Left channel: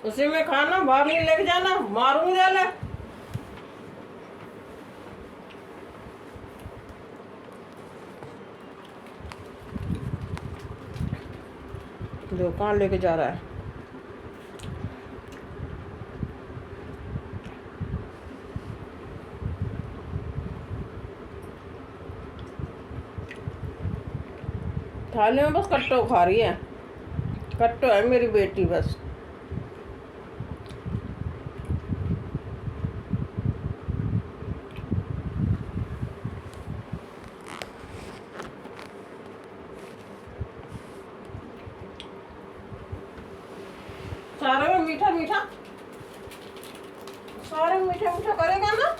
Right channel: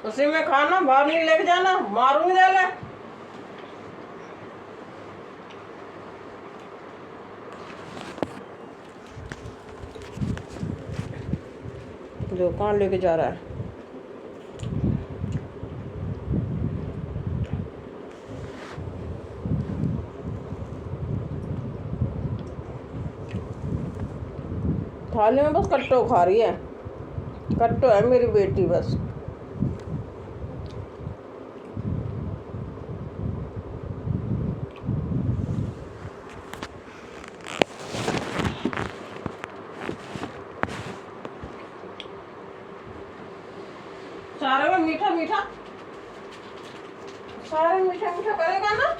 उसी में खाना, बाहर नहीं लेके जाना, मारूंगी ले। जो कहाँ लेके जा रहा है? थाली में बस कट्टो खा रही है, कट्टो है मेरी बेटी बस। सारे में मीठा मीठा, सारे में मीठा मीठा करेगा ना।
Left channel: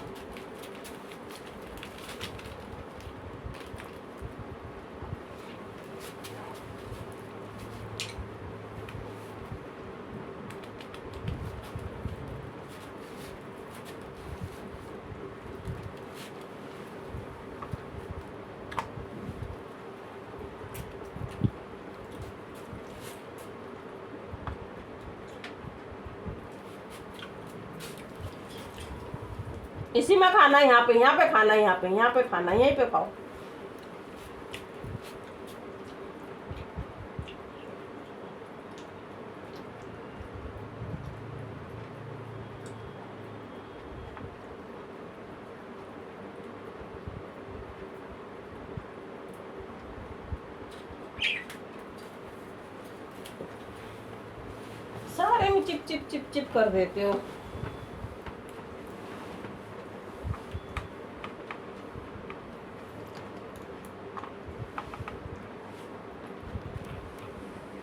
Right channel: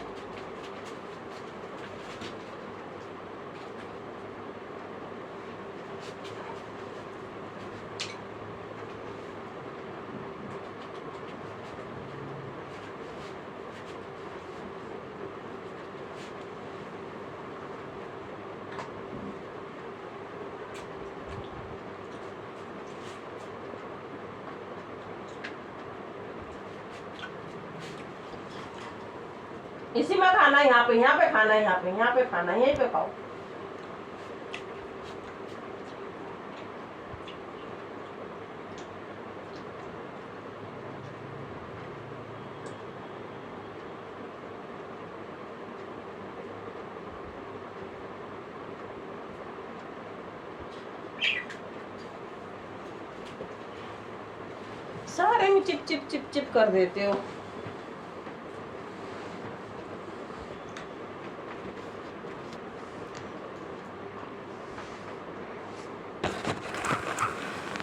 इसी में खाना, यहाँ पे खाना, यहाँ पे खाना, यहीं पे खाओ। सारे में चिप चिप चिप चिप कर देते हो।